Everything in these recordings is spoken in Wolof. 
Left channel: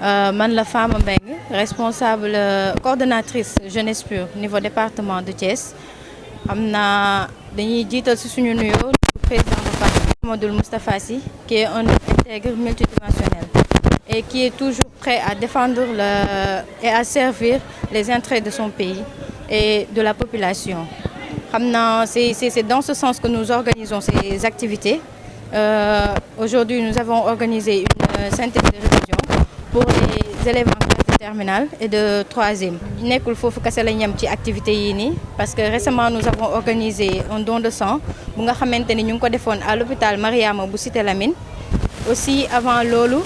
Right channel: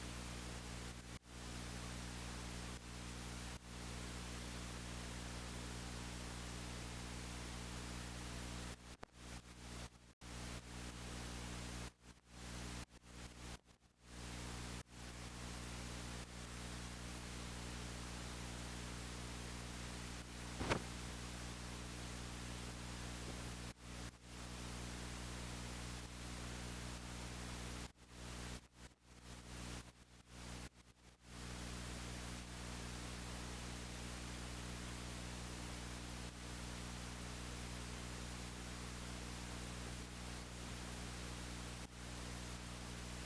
man la Fama Mbengue responsable coordonnatrice jeunesse pure niveau département de Thiès xam naa dañuy jiital ci suñu nuyoo le président de parti Mamadou Moustapha Sy qui est un homme intègre multidimensionnel et qui est toujours prêt à défendre et à servir les intérêts de son pays et de la population. xam naa c'est dans ce sens que nous organisons ces activités. Aujourd'hui nous avons organisé une synthèse de révision pour les élèves en classe de terminale et de troisième. nekkul foofu kese la ñam ci activités yii nii parce que récemment nous avons organisé un don de sang bu nga xamante ni ñu ngi ko defoon à l'hôpital Mariama bu Cité Lamine. Aussi avant loolu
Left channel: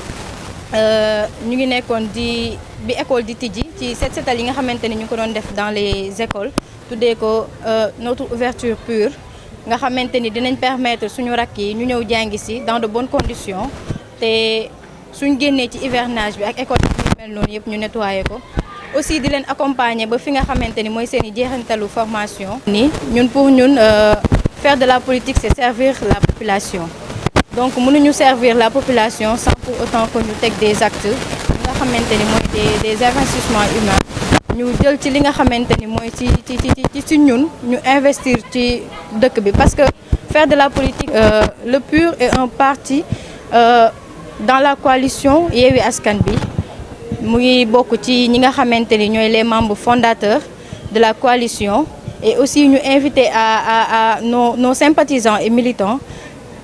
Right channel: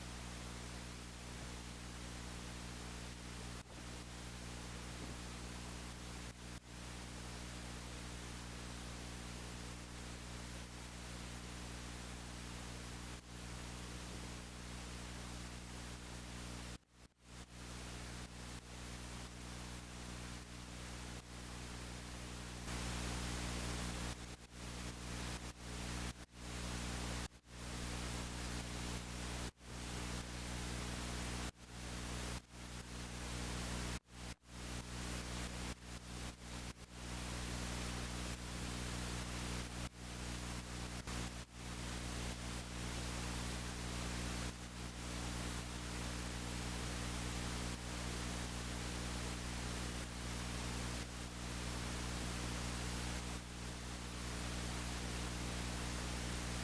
ñu ngi nekkoon bi école di tijji ci set setal yi nga xamante ni ñu ko doon def dans les écoles tuddee ko notre ouverture pure nga xamante ni dinañ permettre suñu rakk yi ñu ñëw jàngi si dans de bonnes conditions te suñ génnee ci hivernage bi ak école yi mel noonu yëpp ñu nettoyer ko. Aussi di leen accompagner ba fi nga xamante ni mooy seen i jeexantalu formation. ni ñun pour ñun faire de la politique c'est servir la population. Donc mënuñu servir la population sans pour autant que ñu teg des actes yi nga xamante ni mooy des investissements humains ñu jël ci li nga xamante ni mooy ci ñun ñu investir ci dëkk bi parce que faire de la politique le PUR est un parti dans la coalition Yewwi Askan Wi mu ngi bokk ci ñi nga xamante ni ñooy les membres fondateurs de la coalition et aussi ñu invité à nos sympathisants et militants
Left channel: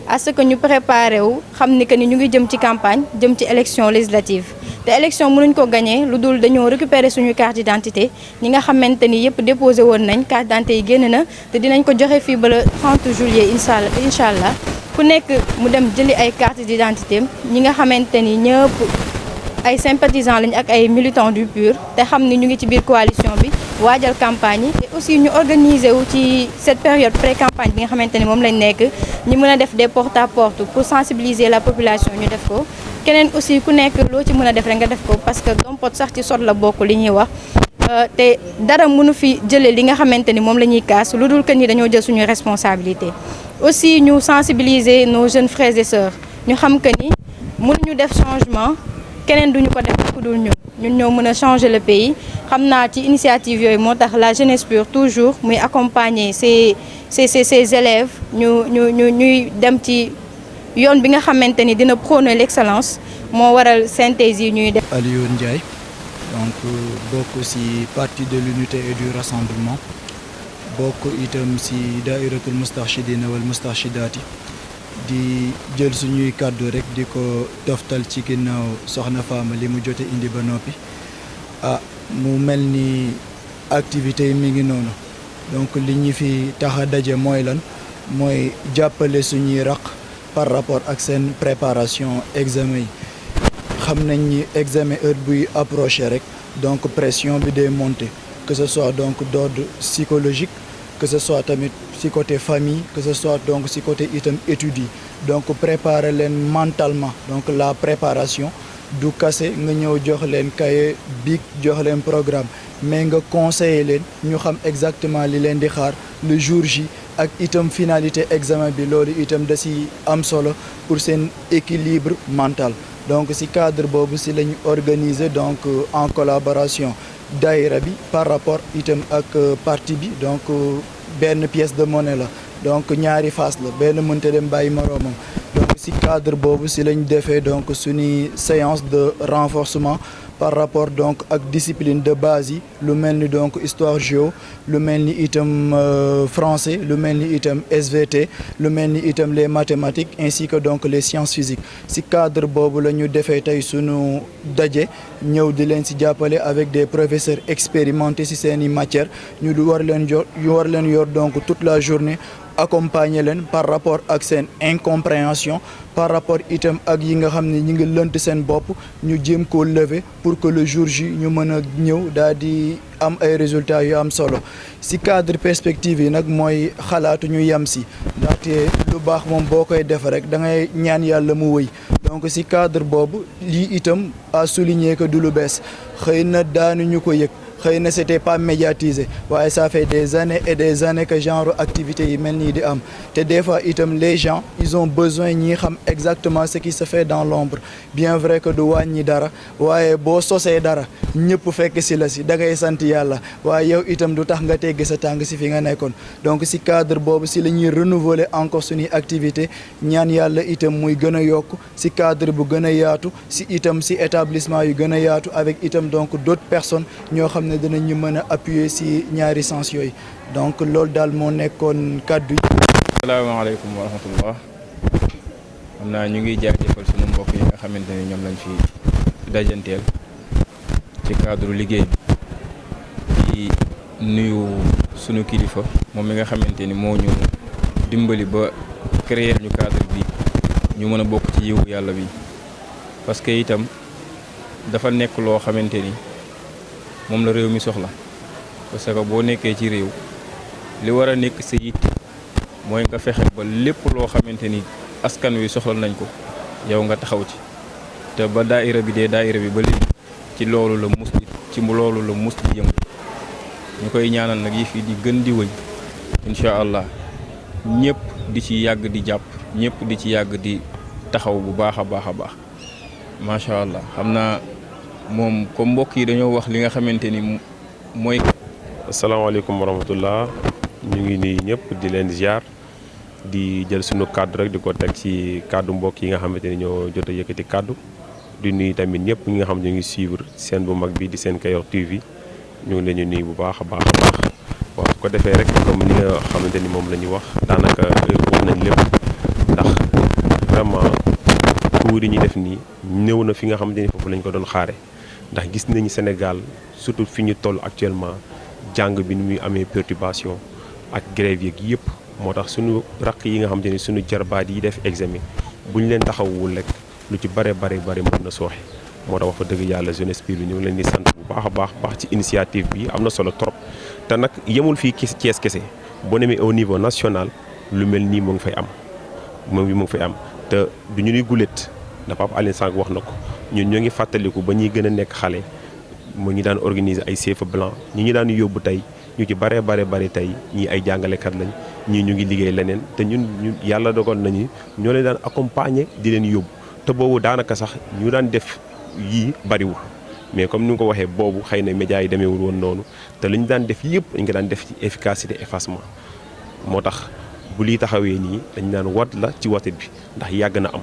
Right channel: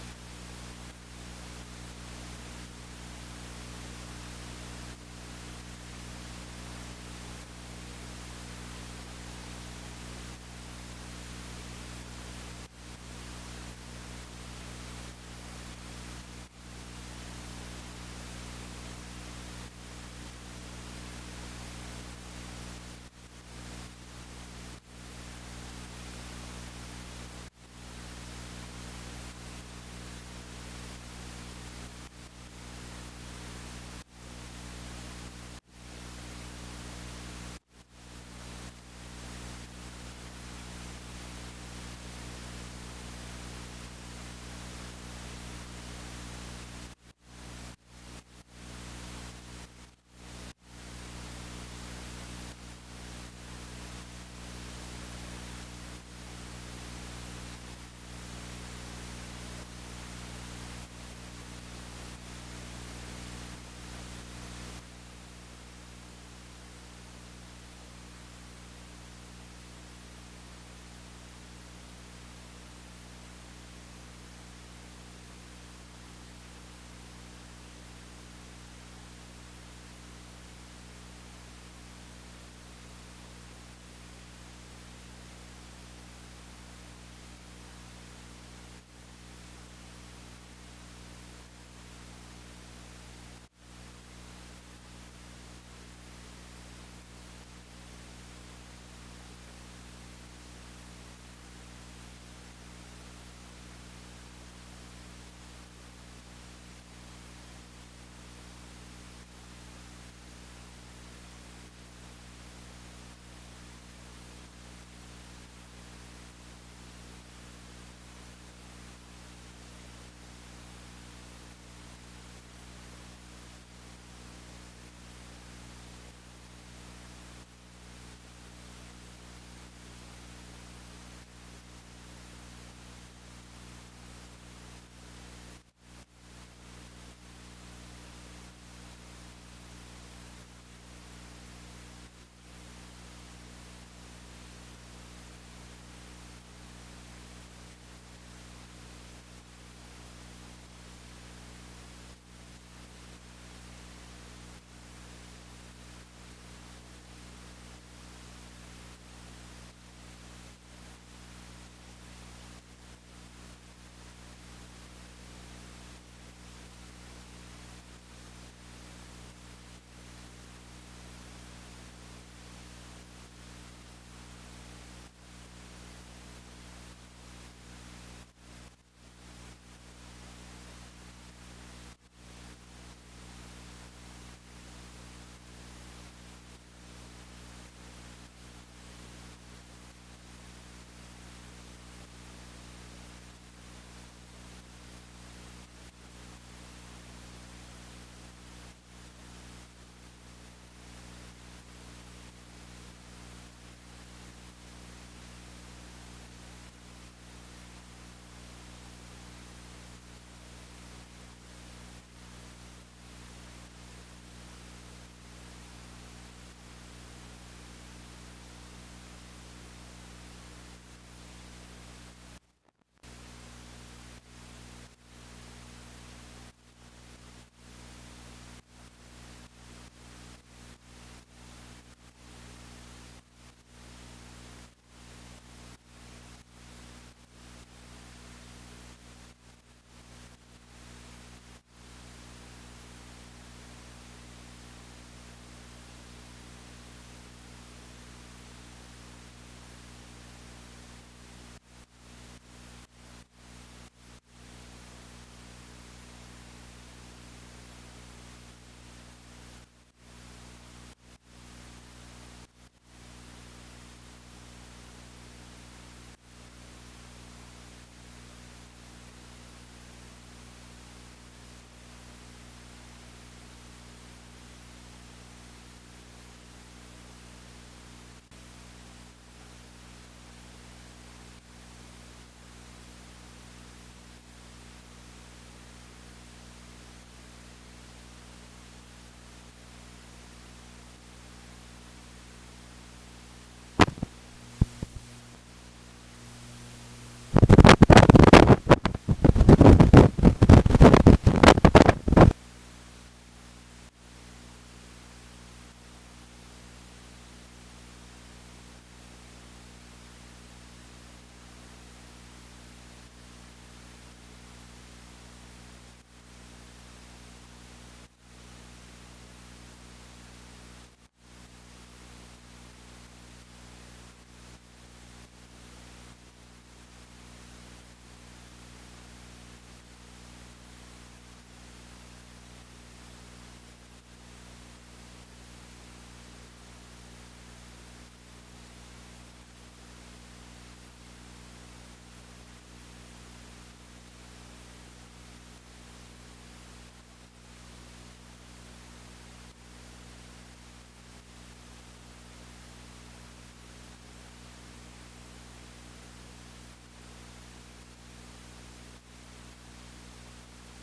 à ce que ñu préparé wu xam ni que ni ñu ngi jëm ci campagne jëm ci élection législative te élection mënuñ ko gagné lu dul dañoo récupérer suñu carte d'identité ñi nga xamante ni yëpp déposé woon nañ carte d'identité yi génn na te dinañ ko joxe fii ba le 30 juillet incha allah ku nekk mu dem jëli ay carte d'identité ñi nga xamante ni ñëpp ay sympathisants lañ ak ay militants du PUR te xam ni ñu ngi ci biir coalition bi waajal campagne yi te aussi ñu organiser wu ci cette période pré-campagne bi nga xamante ni moom lañ nekk ñu mën a def des porte-à-porte pour sensibiliser la population ñu def ko keneen aussi ku nekk loo ci mën a def rek nga def ko parce que dompot sax ci sot la bokk li ñuy wax te dara mënu fi jëlee li nga xamante ni moom la ñuy kaas lu dul que ni dañoo jël suñu responsabilité. Aussi ñu sensibiliser nos jeunes frères et sœurs ñu xam que ni mënuñu def changement keneen duñu ko def ku dul ñun ñoo mën a changer le pays xam naa ci initiative yooyu moo tax la jeunesse pure toujours muy accompagner ces élèves ñuy dem ci yoon bi nga xamante ni dina prôner l'excellence moo waral synthèse yi ñuy def. Aliou Ndiaye donc bokk ci parti de l'unité et du rassemblement bokk itam ci daïratul moustarchidina wal moustarchidaati di jël suñuy kàddu rek di ko toftal ci ginnaaw soxna Fama li mu jote indi ba noppi mu mel ni activité yi mi ngi noonu donc li ñu fi tax a daje mooy lan mooy jàppale suñuy raq par rapport ak seen préparation examen yi xam nañ ni examen heure buy approché rek donc pression bi day monter que ce soit donc d'ordre psychologique que ce soit tamit ci côté famille que ce soit donc ci côté itam études yi donc préparer leen mentalement donc la préparation du kase nga ñëw jox leen cahier bic jox leen programme mais nga conseiller leen ñu xam exactement li leen di xaar le jour J ak itam finalité examen bi loolu itam da ci am solo pour seen équilibre mental donc ci cadre boobu ci lañu organiser donc en collaboration daïra bi par rapport itam ak parti bi donc benn pièce de monnaie la donc ñaari face la benn mënta dem bàyyi moroomam donc ci cadre boobu ci lañ defee donc suñuy séance de renforcement par rapport donc ak discipline de base yi lu mel ni donc histoire géo lu mel ni itam français lu mel ni itam SVT lu mel ni itam les mathématiques ainsi que donc les sciences physiques ci cadre boobu la ñu defee tey sunu daje ñëw di leen ci jàppale avec des professeurs expérimentés ci seeni matières ñu war leen yor donc toute la journée accompagner leen par rapport ak seen incompréhension par rapport itam ak yi nga xam ne ñi ngi lënt seen bopp ñu jéem koo lever pour que le jour J ñu mën a ñëw daal di am ay résultats yu am solo ci cadre perspective yi nag mooy xalaatu ñu yem ci ndaxte lu baax moom boo koy def rek da ngay ñaan yàlla mu wëy donc ci cadre boobu lii itam à souligner que du lu bees xëy na daanuñu ko yëg xëy na c'était pas médiatisé waaye ça fait des années et des années que genre activité yi mel nii di am te des fois itam les gens ils ont besoin ñi xam exactement ce qui se fait dans l'ombre bien vrai que du wàññi dara waaye boo sosee dara ñëpp fekk si la si da ngay sant yàlla waaye yow itam du tax nga tegg sa tàng si fi nga nekkoon donc si cadre boobu si la ñuy renouveler encore suñuy activité ñaan yàlla itam muy gën a yokk si cadre bu gën a yaatu si itam si établissement yu gën a yaatu avec itam donc d'autres personnes ñoo xam ne dinañ ñu mën a appuyer si ñaari sens yooyu donc loolu daal moo nekkoon kàddu yi. asalaamaaleykum wa rahmatullah xam naa ñu ngi jaajëfal sunu mbokk yi nga xamante ni ñoom lañ fi dajanteel ci cadre liggéey bi di nuyu sunu kilifa moom mi nga xamante ni moo ñu dimbali ba créer ñu cadre bi ñu mën a bokk ci yiwu yàlla bi parce que itam dafa nekk loo xamante ni moom la réew mi soxla parce que boo nekkee ci réew li war a nekk sa yitte mooy nga fexe ba lépp loo xamante ni askan wi soxla nañ ko yow nga taxaw ci te ba daayira bi ba léegi ci loolu la mus di yëngu ñu koy ñaanal nag yi fi di gën di wëy incha allah ñëpp di ci yàgg di jàpp ñëpp di ci yàgg di taxaw bu baax a baax a baax macha allah xam naa moom comme mbokk yi dañoo wax li nga xamante ni mooy. asalaamaaleykum wa rahmatullah ñu ngi nuyu ñëpp di leen ziar di jël sunu kàddu rek di ko teg ci kàddu mbokk yi nga xamante ni ñoo jot a yëkkati kàddu di nuyu tamit ñëpp ñi nga xam ne ñu ngi suivre seen bu mag bi di Sen Kayor TV ñu ngi leen di nuyu bu baax a baax a baax waaw su ko defee rek comme ni nga xamante ni moom la ñuy wax daanaka wax nañ lépp ndax vraiment cours yi ñuy def nii néew na fi nga xamante ni foofu lañ ko doon xaare ndax gis nañu Sénégal surtout fi ñu toll actuellement jàng bi ni muy amee perturbation ak grève yeeg yëpp moo tax suñu raq yi nga xamante ni suñu jarbaat yi def examen bu ñu leen taxawul rek lu ci bare mën na sooxe moo tax wax fa dëgg yàlla jeunesse bi ñu ngi leen di sant bu baax a baax ci initiative bi am na solo trop te nag yemul fii Thiès kese boo demee au niveau national lu mel nii mu ngi fay am te du ñu nuy guléet dafa am Aline Sànq wax na ko ñun ñoo ngi fàttaliku ba ñuy gën a nekk xale moo ñu daan organiser ay CFEE blanc ñi ñu daan yóbbu tey ñu ci bare tey ñii ay jàngalekat lañ ñii ñu ngi liggéey leneen te ñun yàlla dogal nañu ñoo leen daan accompagner di leen yóbbu te boobu daanaka sax ñu daan def yii bariwul mais comme ni nga ko waxee boobu xëy na médias yi demeewul woon noonu te li ñu daan def yëpp dañ ko daan def ci efficacité effacement moo tax bu lii taxawee nii dañ daan wat la ci watit bi ndax yàgg na am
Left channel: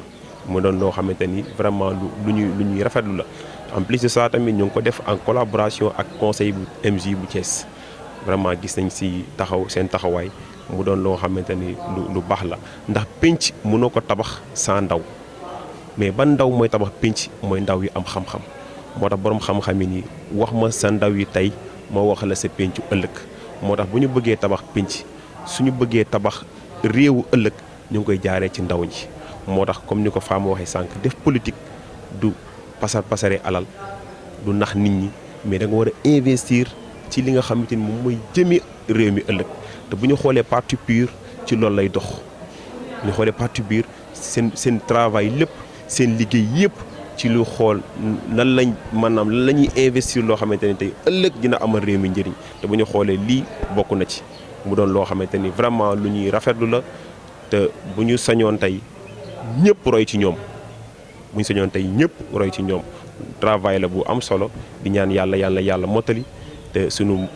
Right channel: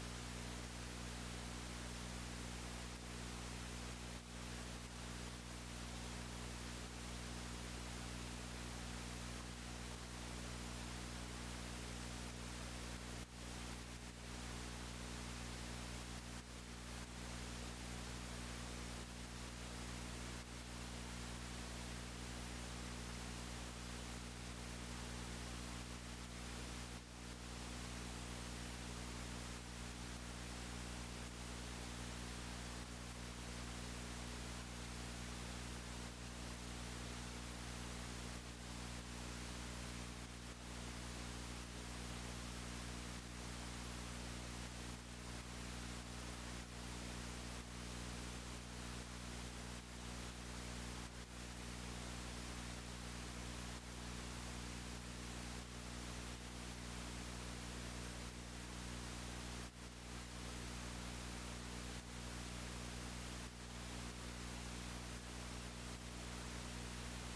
mu doon loo xamante ni vraiment lu ñuy rafetlu la en plus de ça tamit ñu ngi ko def en collaboration ak conseil bu MJ bu Thiès vraiment gis nañ si seen taxawaay mu doon loo xamante ni lu baax la ndax pénc mënoo ko tabax sans ndaw mais ban ndaw mooy tabax pénc mooy ndaw yi am xam-xam moo tax boroom xam-xam yi nii wax ma sa ndaw yi tey moo wax la sa péncu ëllëg moo tax bu ñu bëggee tabax pénc suñu bëggee tabax réewu ëllëg ñu ngi koy jaaree ci ndaw ñi moo tax comme ni ko Fama waxee sànq def politique du pasare alal du nax nit ñi mais da nga war a investir ci li nga xamante ni moom mooy jëmi réew mi ëllëg te bu ñu xoolee parti PUR ci loolu lay dox ñu xoolee parti PUR seen travail lépp seen liggéey yëpp ci lu xool lan lañ maanaam lan la ñuy investir loo xamante ni tey ëllëg dina amal réew mi njëriñ te bu ñu xoolee lii bokk na ci mu doon loo xamante ni vraiment lu ñuy rafetlu la te bu ñu sañoon tey ñëpp roy ci ñoom bu ñu sañoon tey ñëpp roy ci ñoom travail la bu am solo di ñaan yàlla mottali te sunu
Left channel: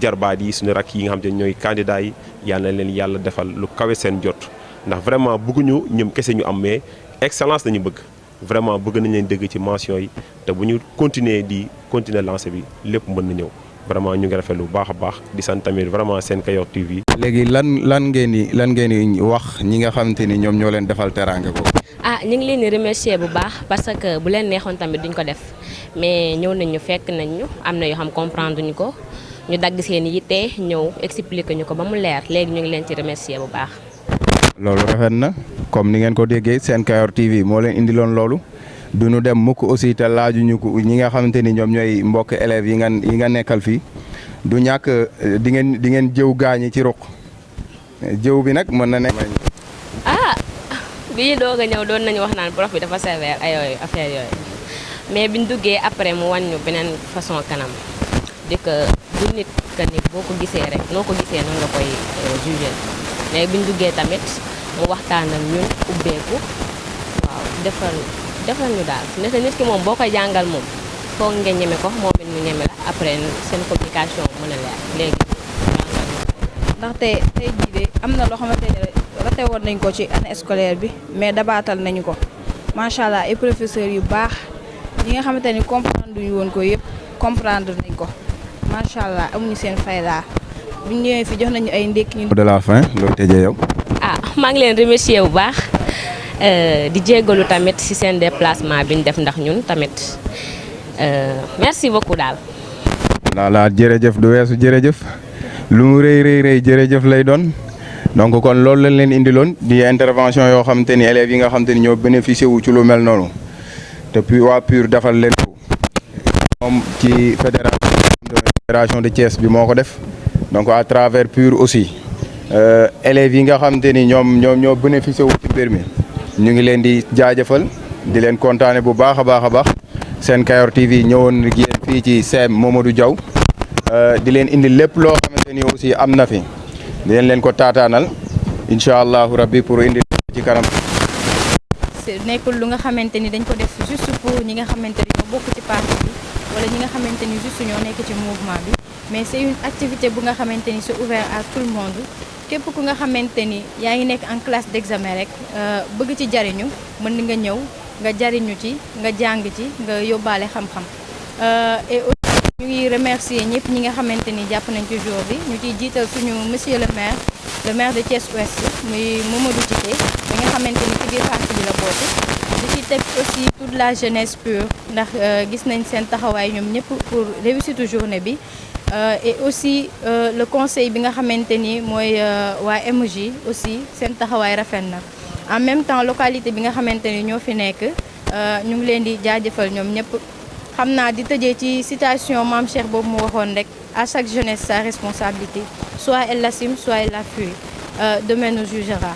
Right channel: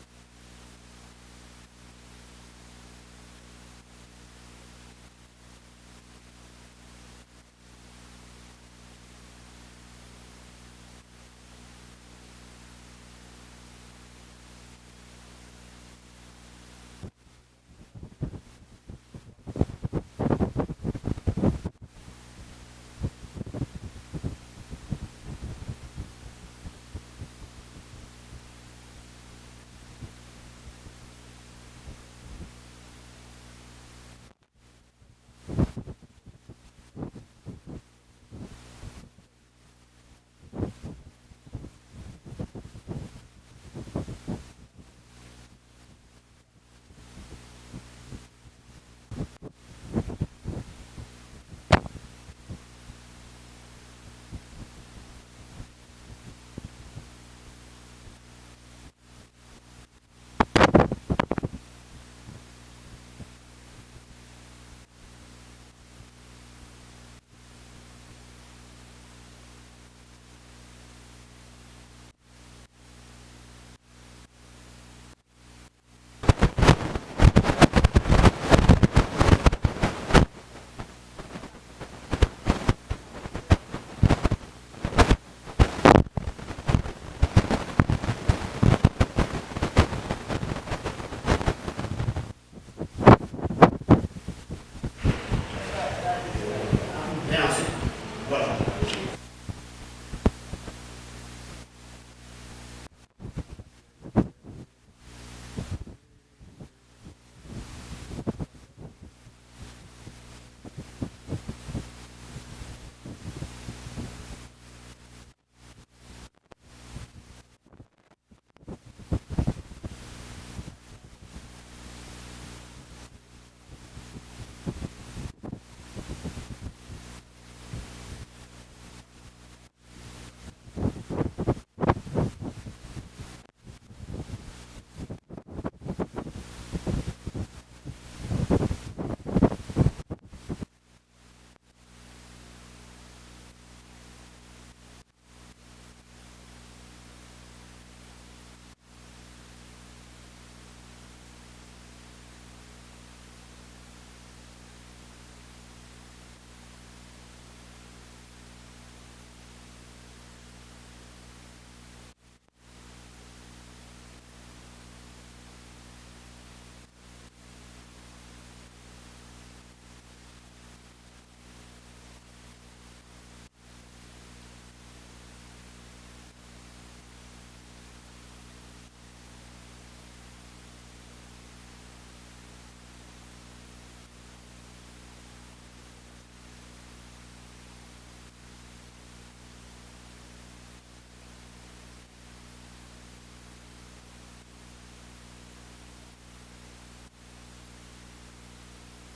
jarbaat yi suñu rakk yi nga xam te ñooy candidat yi yàlla na leen yàlla defal lu kawe seen jot ndax vraiment bëgguñu ñoom kese ñu am mais excellence lañu bëgg vraiment bëgg nañ leen dégg ci mention yi te bu ñu continuer lancé bi lépp mën na ñëw vraiment ñu ngi rafetlu bu baax a baax di sant tamit vraiment Sen Kayor TV. léegi lan ngeen di wax ñi nga xamante ni ñoom ñoo leen defal teraanga ko. ñu ngi leen di remercier bu baax parce que bu leen neexoon tamit duñ ko def mais ñëw nañ ñu fekk nañ ñu am na yoo xam comprendre ñu ko ñu dagg seen yitte ñëw expliquer ñu ko ba mu leer léegi ñu ngi leen ci remercier bu baax. loolu rafet na comme ni ngeen ko déggee Sen Kayor TV moo leen indiloon loolu du ñu dem mukk aussi te laajuñu ko ñi nga xamante ni ñoom ñooy mbokk élèves yi nga nekkal fii du ñàkk di ngeen jëw gaañi ci ruq jëw bi nag mën na nekk. bi ñu doog a ñëw doon nañu wax naan prof bi dafa sévère ay yooyu affaire yooyu mais biñ duggee après mu wan ñu beneen façon kanam di que du nit que ni boo ko gisee rek noo ko gisee noonu nga koy jugé léegi bi ñu duggee tamit mu waxtaan ak ñun ubbeeku waaw defal ñu daal ndaxte nit ki moom boo koy jàngal moom foog nga ñeme ko moom it mu ñeme la après seen communication mën a leer léegi ndaxte tey jii am na loo xamante ne rate woon nañ ko ci année scolaire bi mais dabaatal nañu ko macha allah ay professeurs yu baax yi nga xamante ni comprendre yu woon ko yëpp comprendre nañ ko macha allah amuñu seen fay laa bu ñu ñëwee fi jox nañu ay ndékki ñu. de la fin loolu tëjee yow. maa ngi leen remercier bu baax di jéggalu tamit ci seen déplacement bi ñu def ndax ñun tamit merci beaucoup daal. voilà jërëjëf du weesu jërëjëf lu mu rëy jërëjëf lay doon donc kon loolu lañ leen indiloon di intervention yoo xamante ni élèves yi nga xamante ni ñoo bénéficié wu ci lu mel noonu te puis waa PUR defal leen ko moom ci fédération de Thiès bi moo ko def donc à travers PUR aussi élèves yi nga xamante ni ñoo bénéficié wu ci mbir mi ñu ngi leen di jaajëfal di leen kontaane bu baax a baax seen Kayor TV ñëwoon ak yéen fii ci CEM Mamadou Diaw di leen indi lépp loo xamante ni aussi am na fi di leen ko taataanal incha allahu rabbi pour indi ci kanam. nekkul lu nga xamante ni dañ ko def juste pour ñi nga xamante ni ñoo bokk ci parti bi wala ñi nga xamante ni juste ñoo nekk ci mouvement bi mais c'est une activité bu nga xamante ni c'est ouvert à tout le monde képp ku nga xamante ni yaa ngi nekk en classe d'examen rek bëgg ci jariñu mën nga ñëw nga jariñu ci nga jàng ci nga yóbbaale xam-xam et aussi ñu ngi remercier ñëpp ñi nga xamante ni jàpp nañ ci jour bi ñu ciy jiital suñu monsieur le maire de Thiès Ouest muy Mamadou Djité bi nga xamante ni ci biir parti bi la bokk di ci teg aussi toute la jeunesse PUR ndax gis nañ seen taxawaay ñoom ñëpp pour réussite journée bi et aussi le conseil bi nga xamante ni mooy waa MJ aussi seen taxawaay rafet na en même temps localité bi nga xamante ni ñoo fi nekk ñu ngi leen di jaajëfal ñoom ñëpp xam naa di tëjee ci citation Mame Cheikh boobu mu waxoon rek à chaque jeunesse sa responsabilité soit elle l'assume soit elle la fuit demain nous jugera.